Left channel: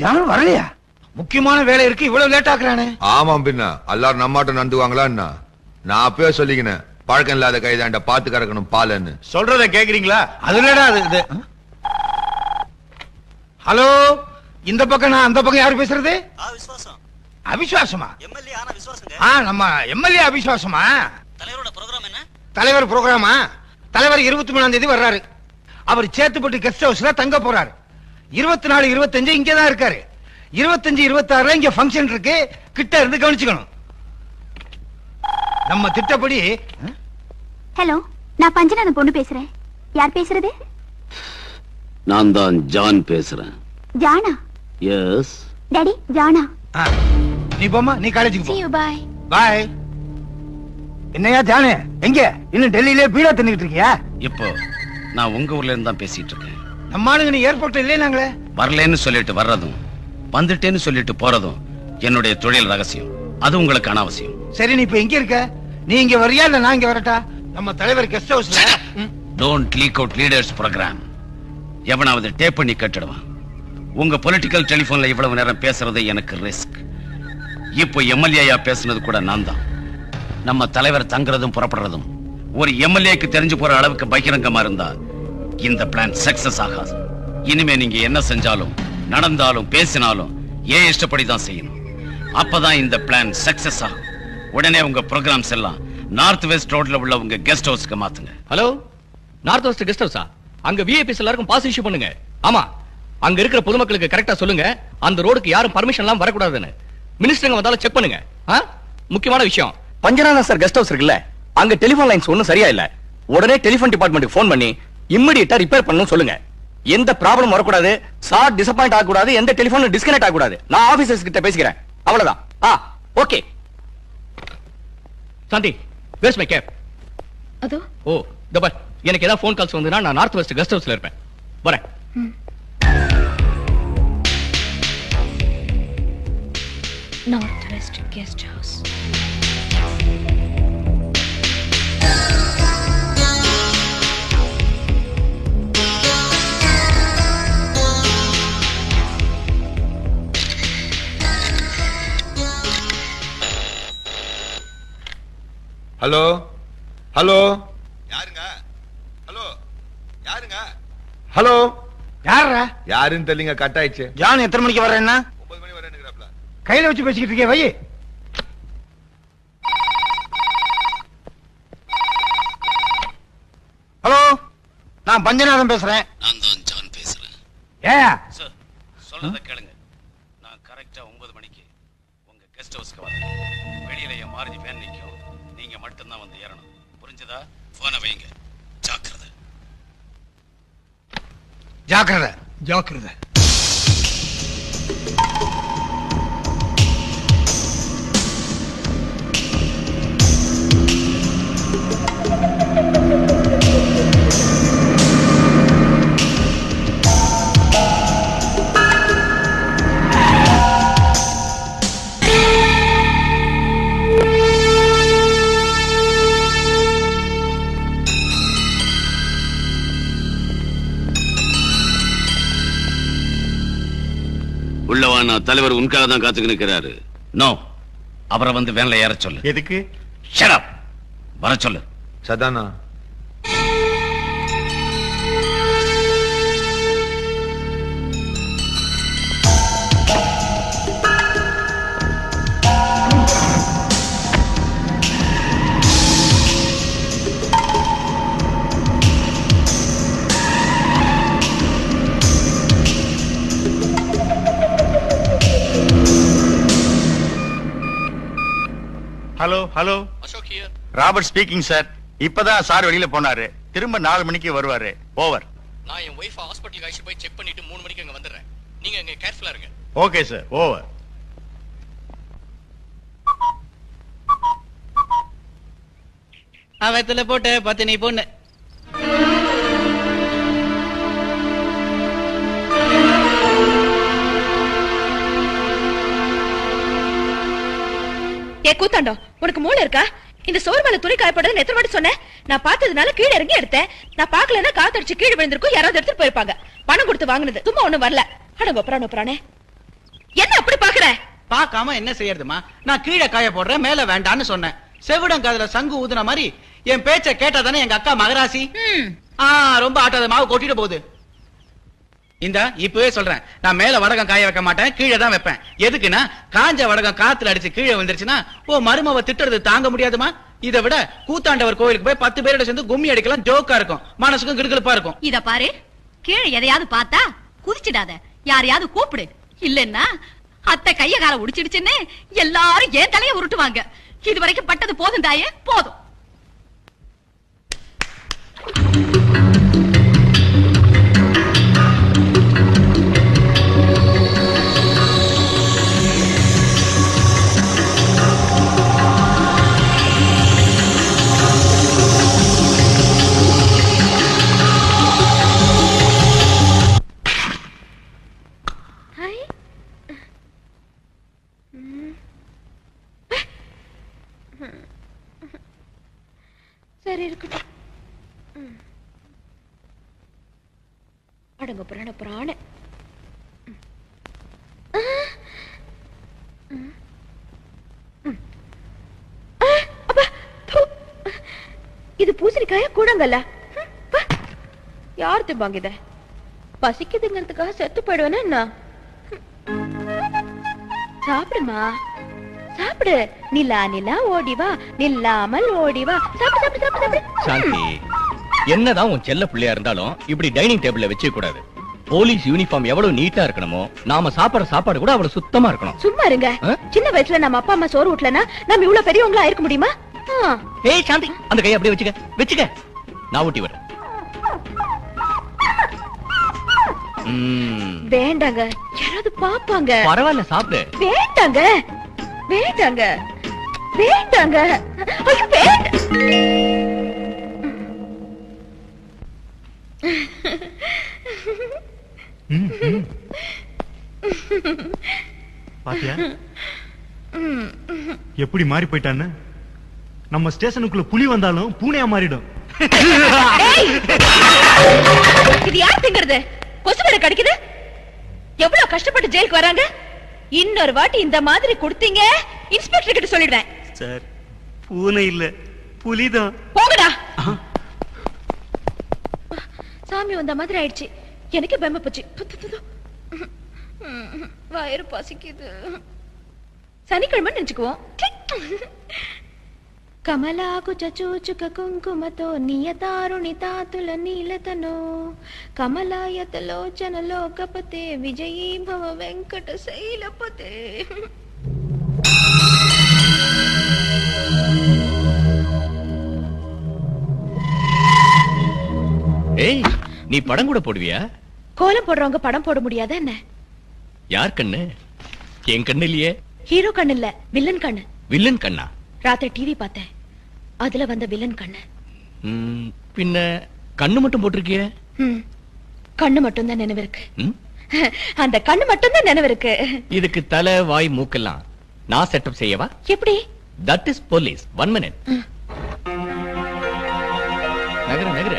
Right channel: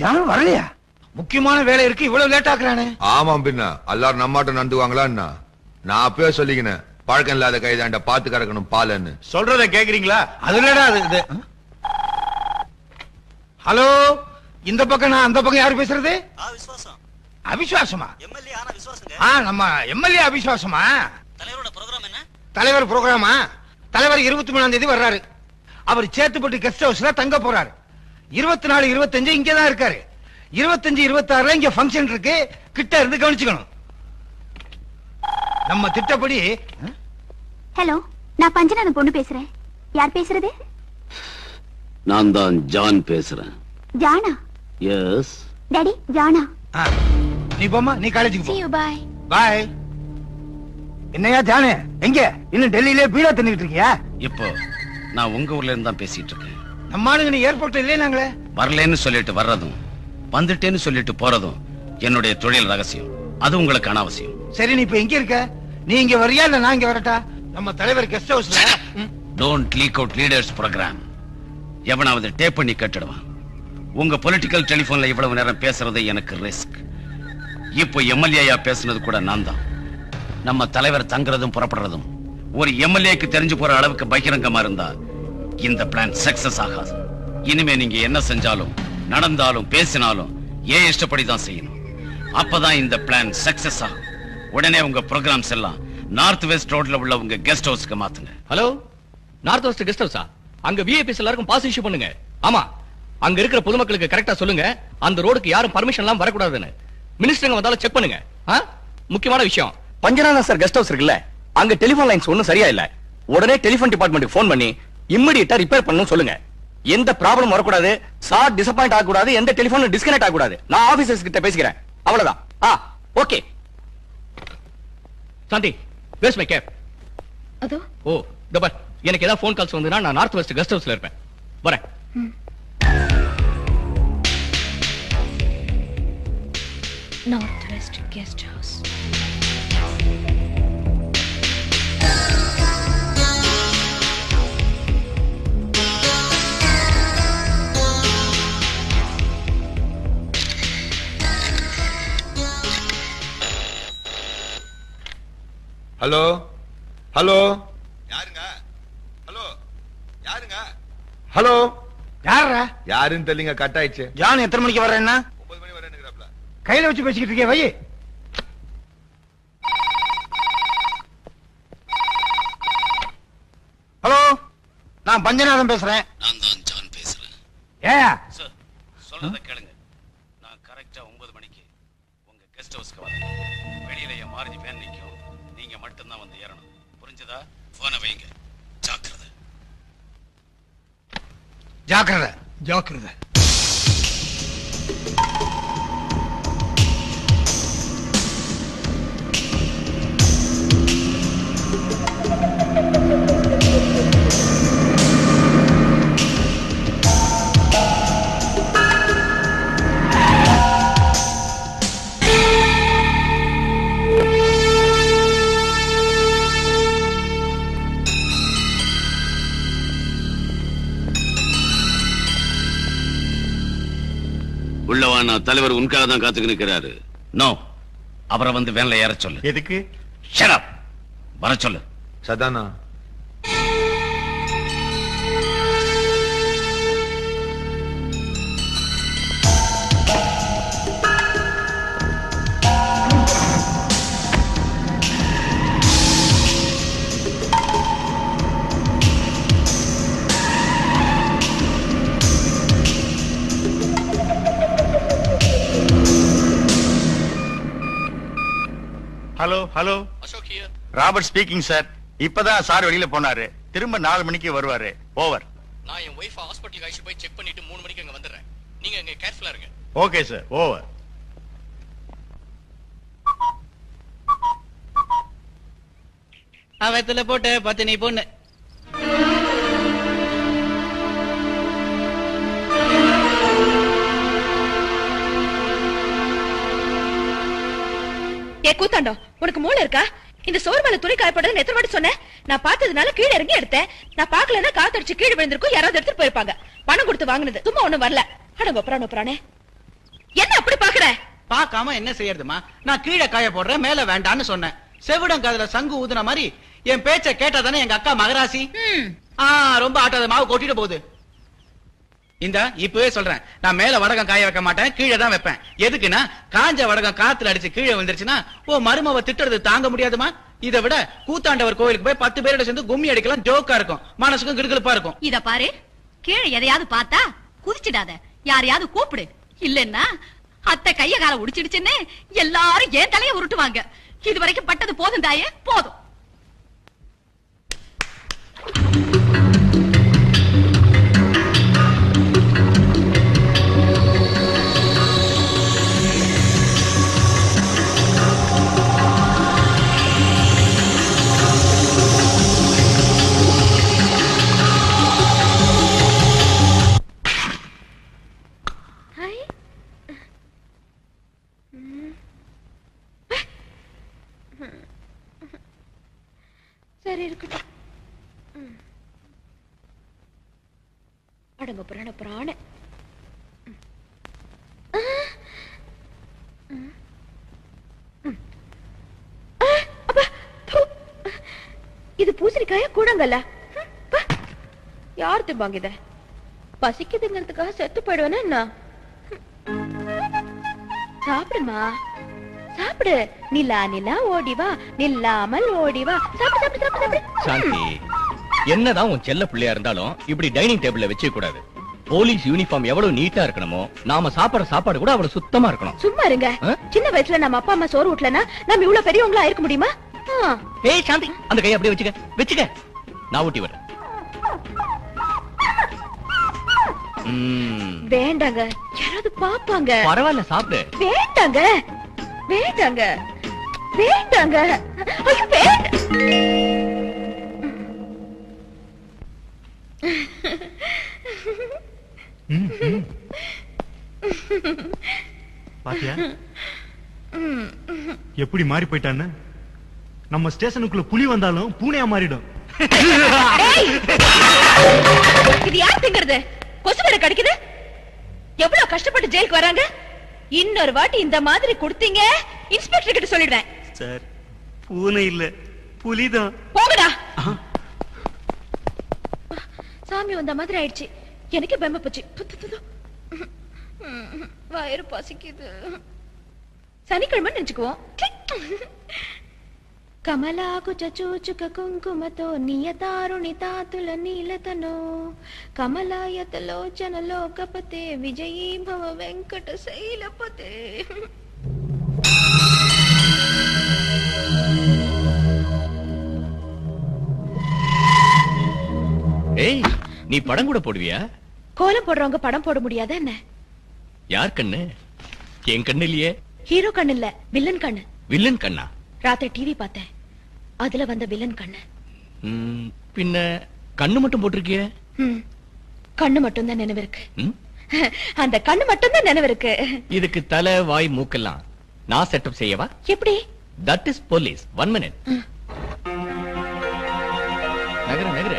John வரலையா? முக்கியமான வேலை இருக்கு, இவ்வளவு லேட் ஆக்குறானே. ஆமாம், பின்ன எல்லாரும் நம்மாட்ட நந்துவாங்களா என்ன? நான் அப்பவே சொல்லிக்கினேன், பழக்கம் இல்லாத கைதாண்ட பாத்து கறக்கணும் பாலன்னு. சொல்றத கேக்குறீங்களா? அதுலடா அது. ஹலோ, இந்த பக்கம் நான், அந்த பக்கம் யாரு பேசுறது? அவிசுவாசமா? நம்ம எம்எல்ஏ அவிசுவாசமா? தலைவர் ப்ரோக்ராமா? தலைவர் 23ஆம் தேதி வர்றாரு. அவர் சேத்துப்பட்டு கெஸ்ட் ஹவுஸ்ல தங்க போறாரு. 24, 25 இங்கதான் இருக்காரு. 25, 26 இங்க பங்கன் இருக்கு. கிட்ட இருந்து கவனிச்சுக்கணும். நம்ம திட்டப்படி. ஹலோ, நான் பஞ்சநாதன் பொண்ணு பேசுறேன். யார் பேசுறது? நான் தான் ஜான் பேசுறேன். ஜானா? எஸ் டாடி, ஜானா. நீ போமா, நீ காலேஜுக்கு போ. See you, bye. பாய். என்னையா ஜானே, எங்க இன்னும் டெல்லியிலே பீடா தண்ணிட்டு இருக்கியா? இப்போ நான் உங்க ஊர்ல இருந்து தான் பேசிட்டு இருக்கேன். நம்ம ஆளுங்க நீ ஏர்போர்ட்ல இல்லையே. நாங்களே வரலன்னு சொல்லிட்டு வர்றதும் வந்துட்டேன்னு சொல்லிட்டு போறதும் என்னுடைய தொழில் ரகசியம். அது உங்களுக்கு அனாவசியம். சரி, நீ இப்ப எங்க இருக்க? நீ இங்க வரியா இல்ல நான் இங்க வரட்டா? நம்ம தலைவர் கெஸ்ட் ஹவுஸ்ல. Don't leak out leaders program. எவனாவது டேப் பண்ணி கட்டிடுவான். உங்க பொலிட்டிக்கல் டெலிபோன்ல இவ்வளவு நேரம் பேசுறது எனக்கு ரிஸ்க். இப்போ எம்எல்ஏயா பேசுனது கூட நான் தான். நம்ம தலைவர் தங்குறதும் புறப்படுறதும் ஒரு எம்எல்ஏக்கு தெரிஞ்சு போற அளவுக்கு பகிரங்கமா இருந்தா இந்த பிளான் சக்சஸ் ஆகாது. இனிமே நீங்க என்ன செஞ்சாலும் நடந்தாலும் பேசினாலும் ஏன் இஷ்டப்படிதான் செய்யணும். அப்பதான் இந்த பிளான் சக்சஸ் ஆகும். உடனே உங்க ப்ரோக்ராம்ஸ் எல்லாம் நார்த் வெஸ்ட் ரோட்ல உள்ள உங்க கெஸ்ட் ஹவுஸ்க்கு மாத்துங்க. ஹலோ, நார்த் வெஸ்ட் கெஸ்ட் ஹவுஸா? அங்க விஐபிஸ் எல்லாருக்கும் பாஸ் இஷ்யூ பண்ணுங்க. ஆமா, அங்க இருக்கிற பொதுமக்களுக்கு கரெக்டா சொல்லுங்க, அந்த ரோடுக்கு யாரும் பர்மிஷன் எல்லாம் வரக்கூடாதுன்னு. மினிஸ்டருங்க வந்தாலும் செக் பண்ணுங்க. முக்கியமான விஷயம், பஞ்சநாதன் சார் கெஸ்ட் ஹவுஸ் இருக்குல்ல, அங்க டெலிபோன் லைன்ஸ் ஒண்ணும் சரியா இல்ல. உடனே டெலிபோன் டிபார்ட்மெண்ட்டுக்கு போன் பண்ணி இமிடியேட்டா ரிப்பேர் பண்ணனும் சொல்லுங்க. எந்த ப்ராப்ளம் வரக்கூடாது, சார் டிசப்பாயிண்ட் ஆக கூடாது, எந்த டெலிபோன் டிஸ்கனெக்ட் ஆக கூடாது. நான் ஆபீசர்ஸ் கிட்ட பேசிக்கிறேன். அவ்வளவுதான். Okay. Shanti, where's my cap? அதோ. ஓ, தபா, எனக்கு ஏதாவது ஃபோன் கால்ஸ் வந்தா நான் நார்த் வெஸ்ட் கெஸ்ட் ஹவுஸ்ல இருப்பேன். வரேன். North West Guest House. Hello hello, யாருங்க? ஹலோ யாருங்க? ஹலோ, யாரா? யாருன்னு தெரியலங்க, கட் ஆயிடுச்சு. ஜான் எத்தனை மணிக்கு வர்றேன்னா? 9 மணி வரேன்னுங்கறாப்ல. கையில வச்சு பேசிக்கிட்டு இருக்கே, வை. ஹலோ, நான் பஞ்சநாதன் பேசுறேன். நான் தான் ஜான் பேசுறேன். ஏயா சார், சொல்றத கேளுங்க. நான் கரெக்டா 9 மணிக்கு உங்க கெஸ்ட் ஹவுஸ்க்கு வரேன். வெளியில என் மாருதி வேன் நிக்கும். நீங்க மட்டும் தான் வந்து ஏறணும். புரிஞ்சதா? போனை வைங்க. ஜாக்கிரதை. ஜாக்கிரதை, ஜாக்கிரதை. உள்ளவா, தலைவர் உனக்காக தான் காத்துக்கு நிற்கிறாரு. நோ, அவரை வந்து வேன்ல ஏற சொல்லு. எதுக்கு? Shut up. வர சொல்லு. Sadhana, hello hello, Robert speaking sir. இப்பதான் சார் வெளியில போனாரு. திரும்ப 4 மணிக்கு வருவாரு. ஓவர். நான் என் ஒய்ஃப் ஹாஸ்பிட்டல் அழைச்சு போய் செக் பண்ணிட்டு 3 மணிக்கு அங்க வந்துடுறேன். நீங்க அங்க கேர்ஃபுல்லா இருங்க. Okay sir, over. அவத்துல போட்டு பத்தினி பொண்ணு. கூத்தாண்டோ, உனக்கு மூளை இருக்கா? இந்த சோறு மேல துணி காயப்படுறதுன்னு எத்தனை வாட்டி சொன்னேன்? நான் பார்த்ததுனால கீழே இறங்கி எடுத்தேன். நான் பாக்கலன்னா காத்தடிச்சு கீழே விழுந்திருக்கும், யாராவது எடுத்துட்டு போயிருப்பாங்க. பணம் கொடுத்து வாங்கினது சும்மா ஒண்ணும் வரல. அட ஒப்பரானே. என்ன அப்படி பாக்குற? பாக்காம என்ன செய்யறதுமா? நான் கீழே காய போடுறேன், மேல வேண்டான்னு சொன்னேன். செவிடம் காதுல சங்கு ஊதுன மாதிரி என் பேச்ச கேட்டாதானே எங்க அக்கா மகராசி. ரொம்ப ஆட்டாத, மாவு கொட்டிட்டு போகுது. இந்த இப்பவே சொல்றேன், நான் மேல வடகம் காய வைக்க மாட்டேன், கீழே தான் வைப்பேன். எதுக்குன்னா காஞ்ச வடகம் காத்துல அடிச்சு கீழே வந்துருச்சுன்னா மருமவ திட்டுறது தாங்க முடியாதுமா. இதை விட கூத்தாண்டவர் கோயிலுக்கு போய் 10 பேரோட சேர்ந்து கும்மி அடிக்கலாம், ஜோக்கா இருக்கும், மனசுக்கும் கிடுகிடுப்பா இருக்கும். இத பாரு, கீழே எதையாவது பார்த்தா குதிச்சிடாத, யாரையாவது கூப்பிடு. இல்லன்னா அத்தை கைய கால உடிச்சிடுச்சுன்னு எல்லாரும் ஏன் தலையை உருட்டுவாங்க. இது வரைக்கும் பட்டது போதும் தாயே, போதும். சரி இருக்கட்டும். அடங்க புராண புராண. இது பூசணிக்காய கூடங்கல்ல. யார் திம்பாங்க இத? பசிக்குதுங்கிறதுக்காக செத்து போயிடுவேனா என்ன? சாப்பிடுமா, சாப்பிடு. நிலா நிலா ஓடிவா, நில்லாமல் ஓடிவா. சாப்பிடு சாப்பிடு சாப்பிடு. சாந்தி, என்னதான் உன் செல்ல பிள்ளையா இருந்தாலும் இப்படி டைனிங் டேபிள்ல வச்சுக்க கூடாது. போலீஸ் யூனிஃபார்ம் எவ்வளவு நீட்டா இருக்கணுமோ, நாம சாப்பாடு சாப்பாடு கூட அவ்வளவு சுத்தமா இருக்கணும். சும்மா இருங்க. சின்ன வயசுல நம்ம அப்பா அம்மா சோறு ஊட்டலனா நம்ம இவ்வளவு பெரியவங்களா இருக்க முடியுமா? ஏய் சாந்தி, அந்த கையை அப்படியே வச்சுக்க வச்சுக்க, நான் ஊட்டி வரேன். வேண்டாங்க, யாராவது பாப்பாங்க. பரவாயில்ல, சாப்பிடு. வேண்டாங்க வேண்டாங்க வேண்டாங்க. ஐயோ வேண்டாம். பாத்தியா எப்படி மாறி போயிட்டான்னு? நம்ம ஸ்டேஷனுக்குள்ள புலி வந்தாலும் பூனையா மாறிடும். இது யார் திங்கிறது? கொசு வேற கடிக்குது. எவ்வளவு கஷ்டப்பட்டு ஜெயிலுக்கு வராங்க. இன்னொரு வாட்டி இந்த மாதிரி கொடுத்தீங்க, இன்ஸ்பெக்டர் கிட்ட சொல்லிடுறேன். சார், பூனை இல்ல, புலிதான். போங்கடா. சாமி வந்த மாதிரி ஆயிடுச்சு. எனக்கு பயமா போச்சு. வயிறு பசிக்குது. சனிக்கிழமை நினைச்சுக்குவோம். కమలాకు చచూచుక కుంకుమతో నియతారుణి తాతుల నీలతనో కమలాయతలోచన లోకపతే విజయీ భవ వెంకట శైలపతే. ஏய், நீ படம் கூட போடுவியா? கோலம் போடுறவங்க படம் போட முடியாத என்ன? யார் கண்ணு? என் கண்ணு இல்லையே. ஹீரோ கண்ணு இல்ல, வில்லன் கண்ணு. வில்லன் கண்ணா? ராத்திரி டிவி பார்த்தேன், அதுல வந்த வில்லன் கண்ணு. பின்ன கண்ணு மட்டும் போட்டிருக்கிய? கண்ணு மட்டும் தான் நினைவு இருக்கு. அந்த கண்ணு மட்டும் தான் நினைவு இருக்கு. இதுக்கு தலை வாய் மூக்கெல்லாம் நான் செட்டப் செய்யவா? எப்படி? That is police. 1 minute. நகர நகர.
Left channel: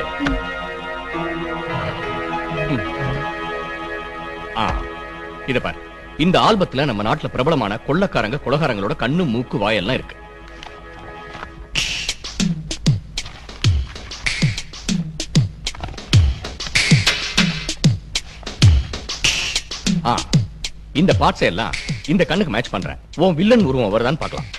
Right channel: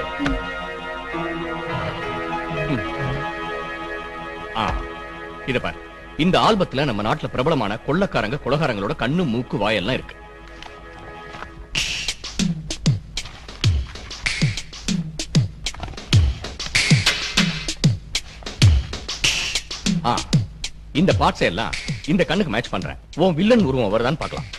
இத பாரு, இந்த ஆல்பத்துல நம்ம நாட்டுல பிரபலமான கொள்ளக்காரங்க கொலகாரங்களோட கண்ணு மூக்கு வாயெல்லாம் இருக்கு. இந்த பார்ட்ஸ் எல்லாம் இந்த கண்ணுக்கு மேட்ச் பண்றேன். உன் வில்லன் உருவம் வருதான்னு பார்க்கலாம்.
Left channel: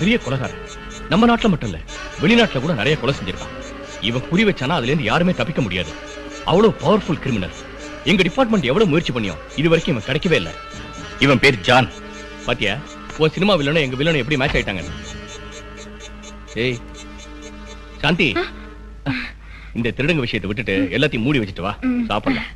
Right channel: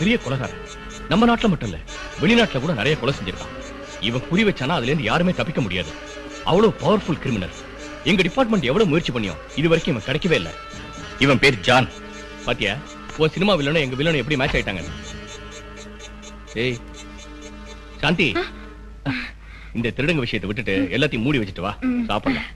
பெரிய கொலைகாரன். நம்ம நாட்டுல மட்டும் இல்ல, வெளிநாட்டுல கூட நிறைய கொலை செஞ்சிருக்கான். இவன் குறி வச்சானா அதுல இருந்து யாருமே தப்பிக்க முடியாது. அவ்வளவு பவர்ஃபுல் கிரிமினல். எங்க டிபார்ட்மெண்ட் எவ்வளவு முயற்சி பண்ணியும் இது வரைக்கும் இவன் கிடைக்கவே இல்ல. இவன் பேர் ஜான். பாத்தியா, ஒரு சினிமா வில்லனும் எங்க வில்லனும் எப்படி மேட்ச் ஆயிட்டாங்க. ஏய் சாந்தி, இந்த திருடங்க விஷயத்தை விட்டுட்டு எல்லாத்தையும் மூடி வச்சுட்டு வா, சாப்பிடலாம்.